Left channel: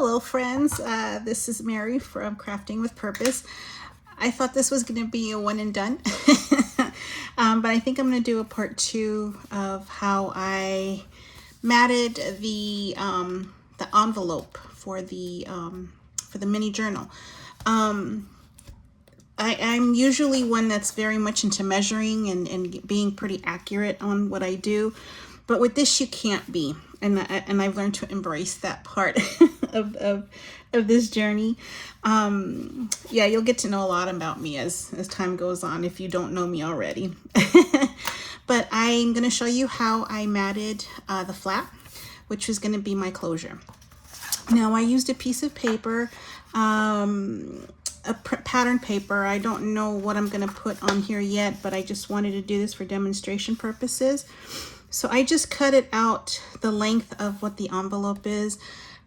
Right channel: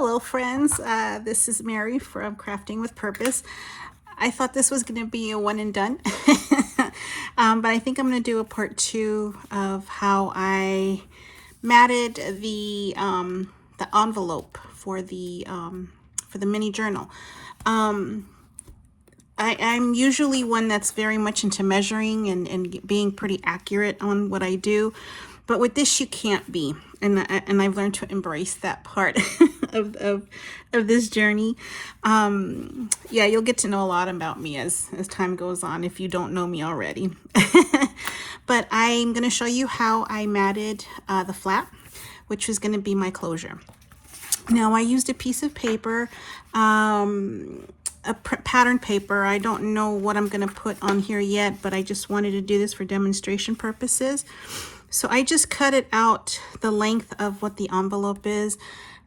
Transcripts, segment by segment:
Hello friends, this is Mary from Crafting with Purpose. I thought this was going to be a one and done, but I think I'm going to do a part two of how I matted the envelope for the mini journal. I'm usually one that's very much into measuring and being pretty accurate on what I do. But with this, you can't be. And I've learned to embrace that part of this journey. Yeah, you'll get to know a lot about me as time goes on if you don't know me already. But I'm going to show you how I matted the flap, which is going to be my closure. Now, I used a piece of paper, a pattern paper. I don't know what I'm going to put on here yet, but I just wanted to do this for demonstration purposes. So I just cut it out the length of what the envelope is.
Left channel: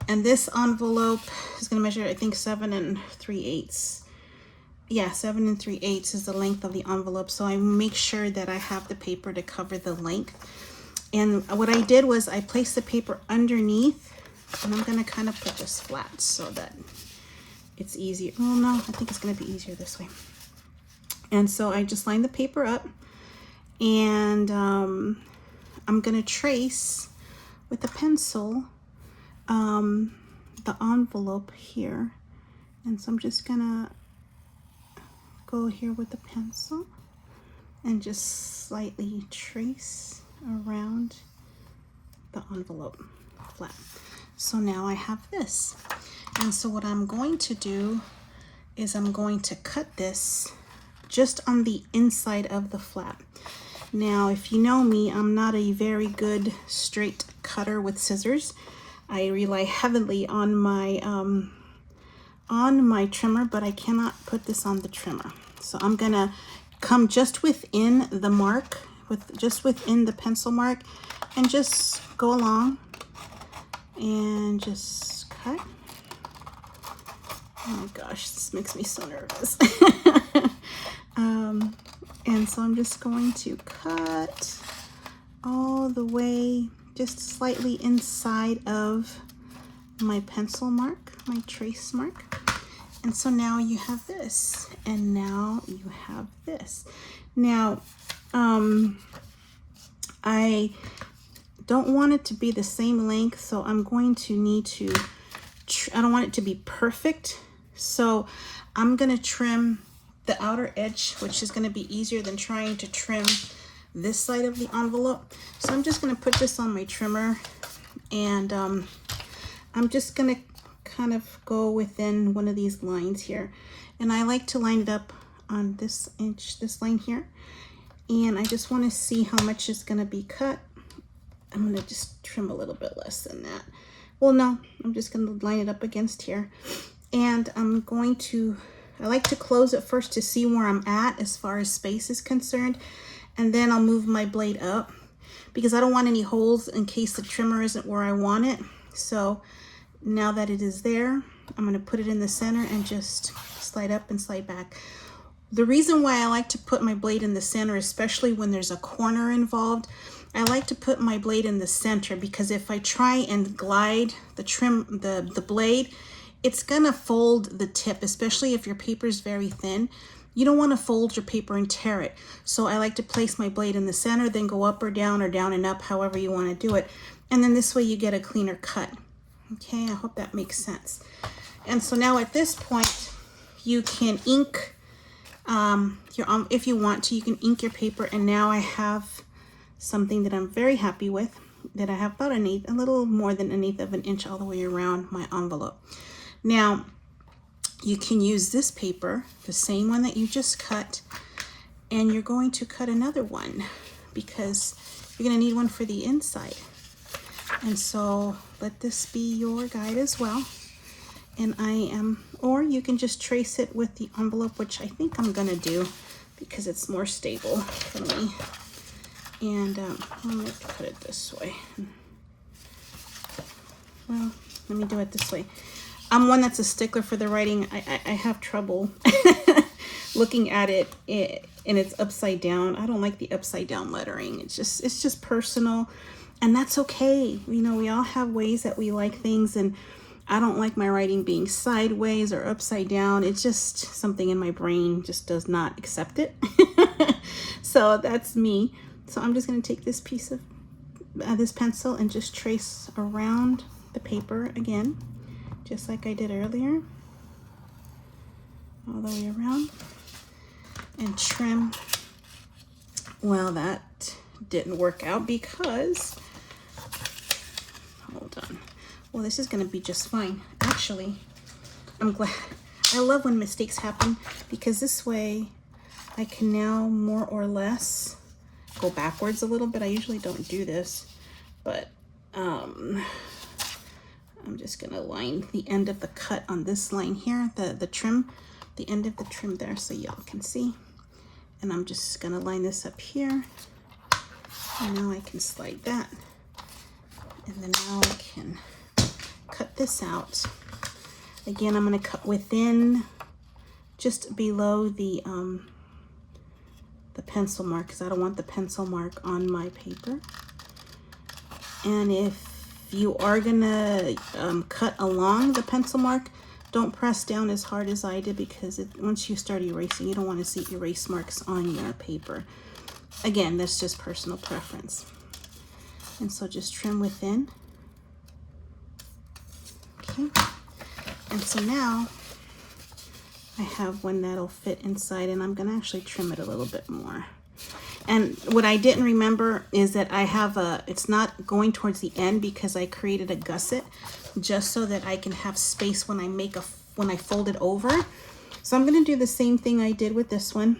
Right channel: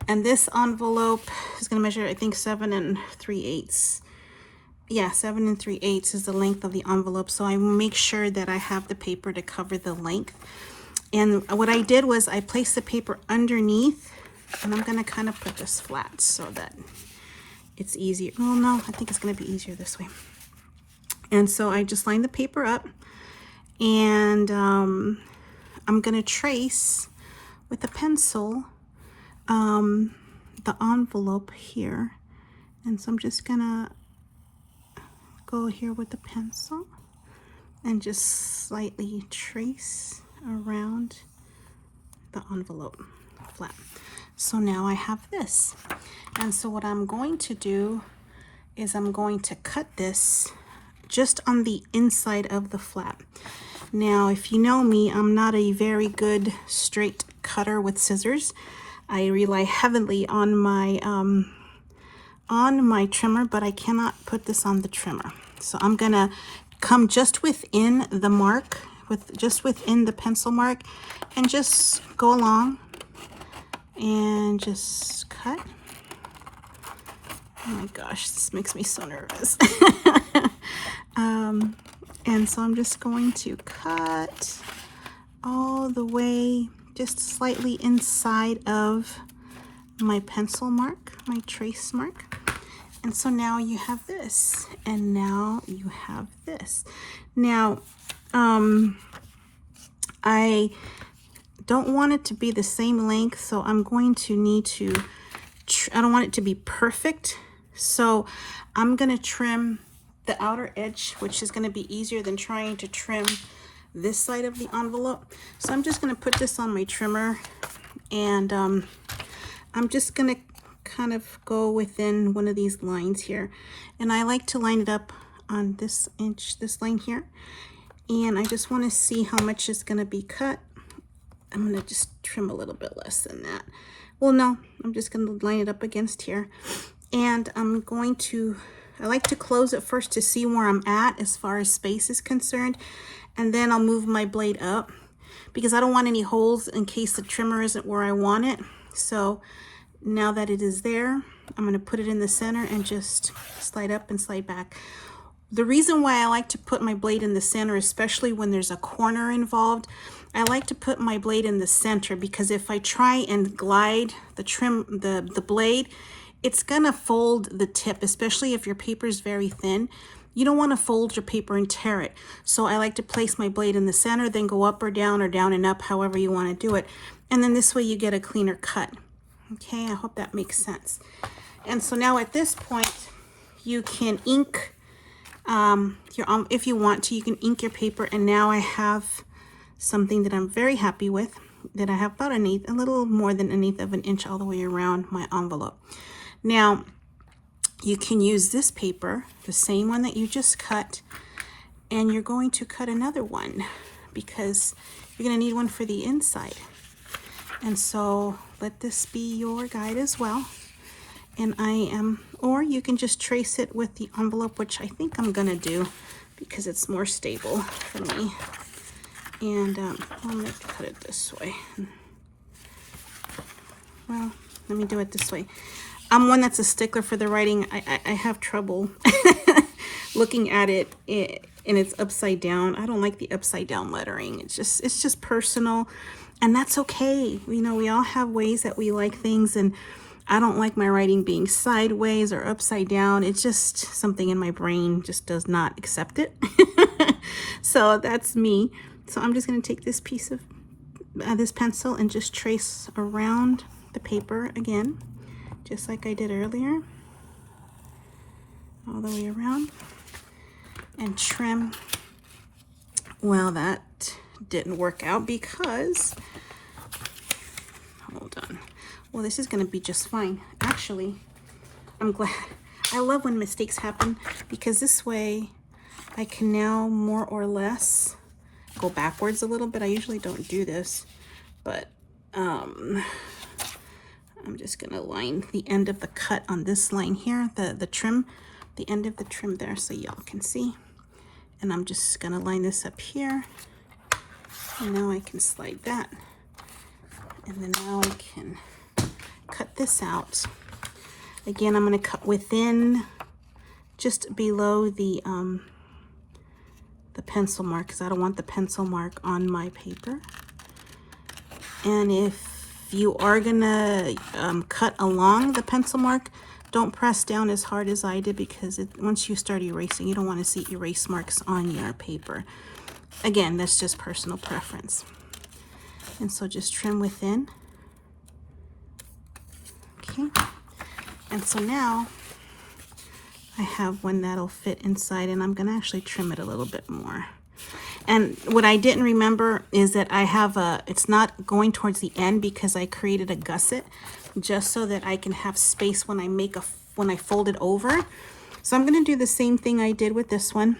And this envelope is going to measure, I think, 7 3/8. Yeah, 7 3/8 is the length of the envelope. So I make sure that I have the paper to cover the length. And what I did was I placed the paper underneath, and I'm going to kind of put this flat so that it's easier. Well, no, I think it's going to be easier this way. And so I just lined the paper up, and I'm going to trace with a pencil the envelope here. And so I'm just going to go here with the pencil and just slightly trace around the envelope flat. So now I have this. And so what I'm going to do is I'm going to cut this just on the inside of the flap. Now, if you know me, I'm not a very good straight cutter with scissors. I rely heavily on my trimmer, but I cannot put this on the trimmer. So I'm gonna come just within the mark, just within the pencil mark, and just go along and just cut. Oh my gosh, this makes me so nervous. And so I'm just going to cut all the way just slightly inside of my pencil mark, my trace mark. And so now you have this, and now you have this. Now, I don't want it to be the same length, so I'm going to need to, I don't want it to be perfect. So I'm going to trim the outer edge, which is going to be easier than trying to trim this side of the envelope. So I'm just going to put this on my trimmer, and I'm just going to kind of go within one of these lines here. And I like to line it up on this inch, this line here. And I just want to see how much is going to be cut. I'm going to just trim a little bit less than that. Well, no, I'm just going to line it up against here. And I'm going to, I like to close it first to see where I'm at as far as space is concerned. And then I'll move my blade up because I don't want any holes in case the trimmer isn't where I want it. So now that it is there, I'm going to put it in the center and just slide up and slide back. The reason why I like to put my blade in the center, especially when there's a corner involved, I like to put my blade in the center because if I try and glide the blade, it's gonna fold the tip, especially if your paper is very thin. You don't want to fold your paper and tear it. So I like to place my blade in the center, then go up or down and up, however you want to do it. And then this way you get a cleaner cut. Okay, I hope that makes sense. And so now at this point, you can ink if you want to, you can ink your paper. And now I have something that I'm very happy with, that I have about a little more than 1/8 of an inch all the way around my envelope. Now, you can use this paper, the same one that you just cut, and you're going to cut another one because you're going to need one for the inside. And so let this be your guide as well. And or you can just trace it with the envelope, which I think I'm going to do because it's more stable for me. And I'm going to put it this way. Well, let me do it this way. I'm one that's a stickler for the writing. I have trouble looking at it and it's upside down. I don't like the upside down lettering. It's just personal, and that's okay. You know, we all have ways that we like things, and I don't like my writing being sideways or upside down. It's just something in my brain just does not accept it. So that's me. So I'm just going to take this piece of this pencil and just trace around the paper again, just like I did earlier, all the way around, and trim. Well, that didn't work out because, hold on. Well, this is going to be just fine. Actually, I'm glad. I love when mistakes happen because this way I can now more or less go backwards a little bit. I usually don't do this, but I'm just going to line the end of the cut on this line here, the trim, the end of the trim there, so y'all can see. And I'm just going to line this up here. And now I can slide that. And then now I can cut this out. Again, I'm going to cut within, just below the pencil mark, because I don't want the pencil mark on my paper. And if you are going to cut along the pencil mark, don't press down as hard as I did, because once you start erasing, you don't want to see erase marks on your paper. Again, that's just personal preference. And so just trim within. Okay. And so now I have one that'll fit inside, and I'm going to actually trim it a little bit more. And what I didn't remember is that I have it's not going towards the end because I created a gusset just so that I can have space when I fold it over. So I'm going to do the same thing I did with this one.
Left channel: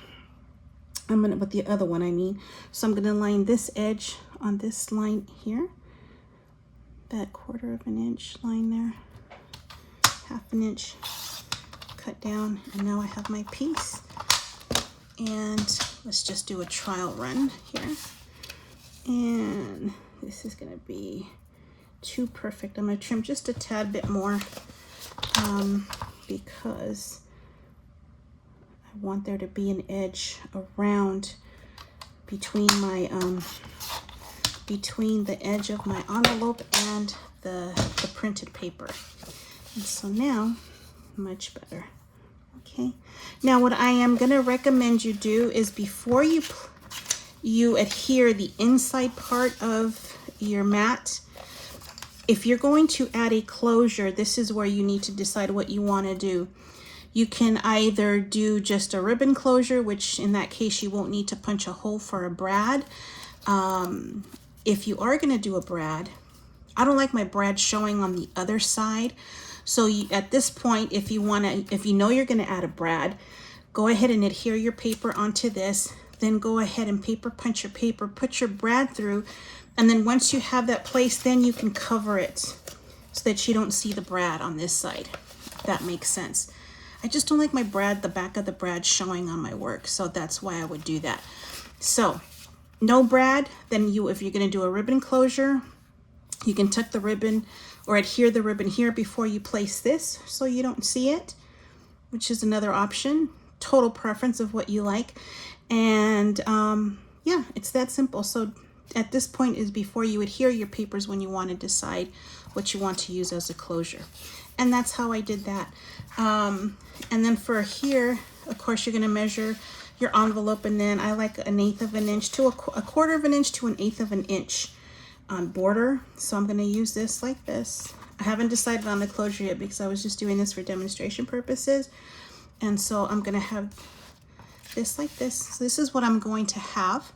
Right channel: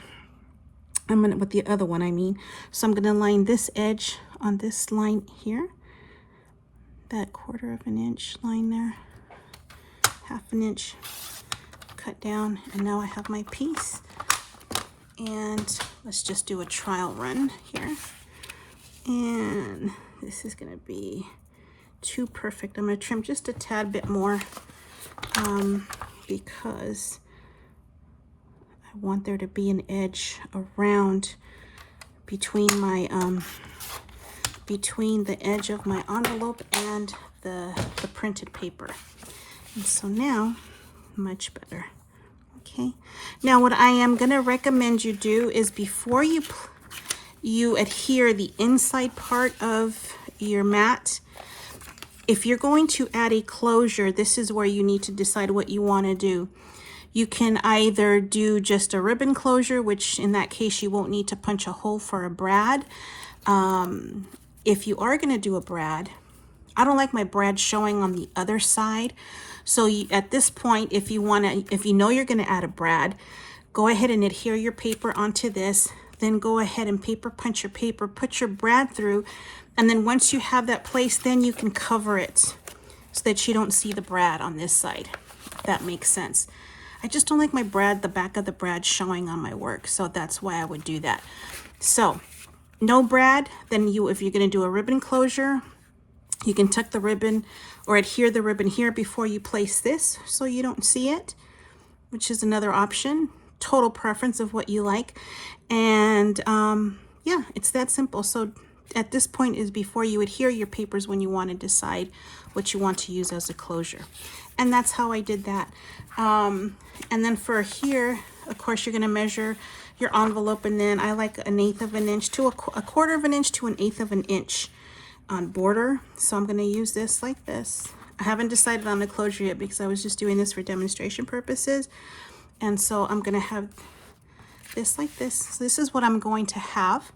With the other one, I mean. So I'm going to line this edge on this line here, that 1/4 of an inch line there, 1/2 an inch, cut down, and now I have my piece. And let's just do a trial run here. And this is going to be too perfect. I'm going to trim just a tad bit more because I want there to be an edge around between my between the edge of my envelope and the printed paper. And so now, much better. Okay. Now what I am going to recommend you do is before you adhere the inside part of your mat, if you're going to add a closure, this is where you need to decide what you want to do. You can either do just a ribbon closure, which in that case you won't need to punch a hole for a brad. If you are going to do a brad, I don't like my brad showing on the other side. So at this point, if you know you're going to add a brad, go ahead and adhere your paper onto this. Then go ahead and paper punch your paper, put your brad through, and then once you have that placed, then you can cover it so that you don't see the brad on this side. If that makes sense. I just don't like my brad, the back of the brad showing on my work, so that's why I would do that. So no brad, then if you're going to do a ribbon closure, you can tuck the ribbon or adhere the ribbon here before you place this so you don't see it, which is another option. Total preference of what you like. And yeah, it's that simple. So at this point is before you adhere your papers when you want to decide what you want to use as a closure. And that's how I did that. And then for here, of course, you're going to measure your envelope, and then I like 1/8 of an inch to a 1/4 of an inch to 1/8 of an inch border. So I'm going to use this like this. I haven't decided on the closure yet because I was just doing this for demonstration purposes. And so I'm going to have this like this. So this is what I'm going to have.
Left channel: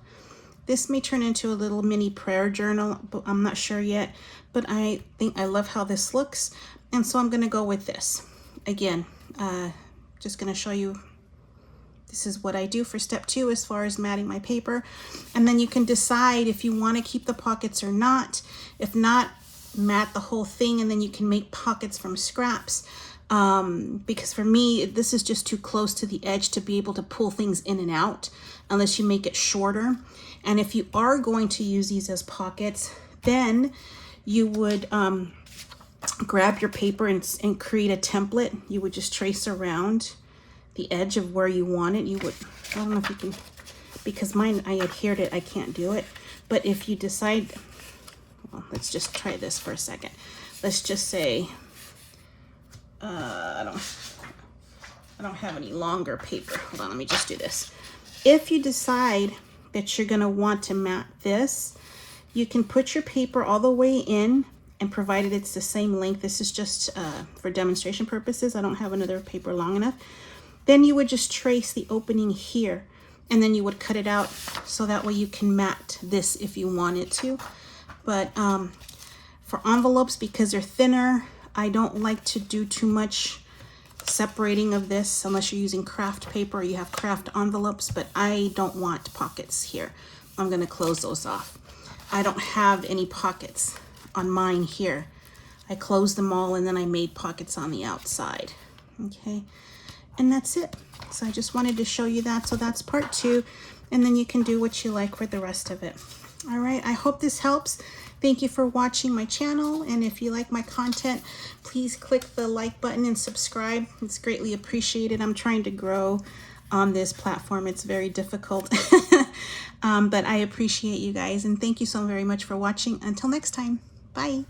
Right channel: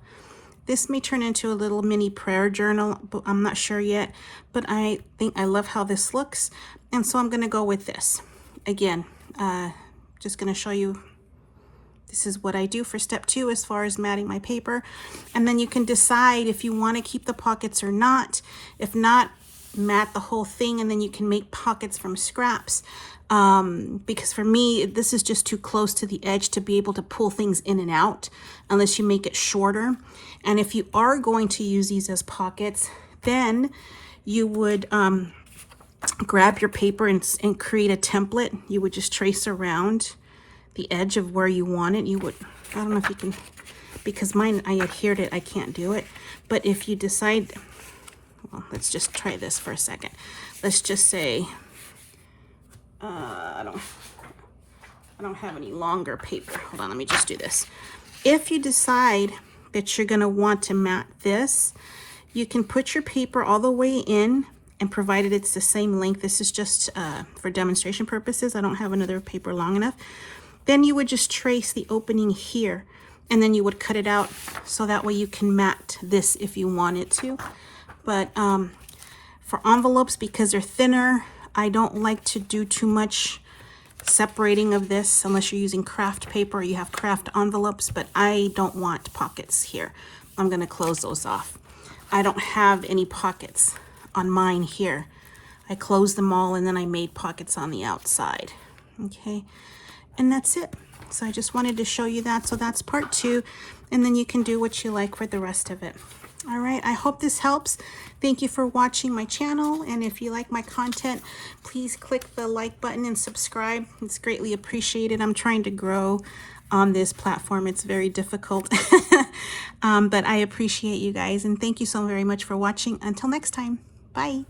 This may turn into a little mini prayer journal, but I'm not sure yet. But I think I love how this looks. And so I'm going to go with this. Again, just going to show you, this is what I do for step 2 as far as matting my paper. And then you can decide if you want to keep the pockets or not. If not, mat the whole thing, and then you can make pockets from scraps. Because for me, this is just too close to the edge to be able to pull things in and out unless you make it shorter. And if you are going to use these as pockets, then you would grab your paper and create a template. You would just trace around the edge of where you want it. You would, I don't know if you can, because mine, I adhered it, I can't do it. But if you decide, well, let's just try this for a second. Let's just say I don't have any longer paper. Hold on, let me just do this. If you decide that you're gonna want to mat this, you can put your paper all the way in, and provided it's the same length, this is just for demonstration purposes, I don't have another paper long enough, then you would just trace the opening here, and then you would cut it out, so that way you can mat this if you wanted to. But for envelopes, because they're thinner, I don't like to do too much separating of this unless you're using craft paper or you have craft envelopes, but I don't want pockets here. I'm gonna close those off. I don't have any pockets on mine here. I closed them all and then I made pockets on the outside. Okay, and that's it. So I just wanted to show you that. So that's part 2, and then you can do what you like for the rest of it. All right, I hope this helps. Thank you for watching my channel, and if you like my content, please click the like button and subscribe. It's greatly appreciated. I'm trying to grow on this platform. It's very difficult, but I appreciate you guys, and thank you so very much for watching. Until next time, bye.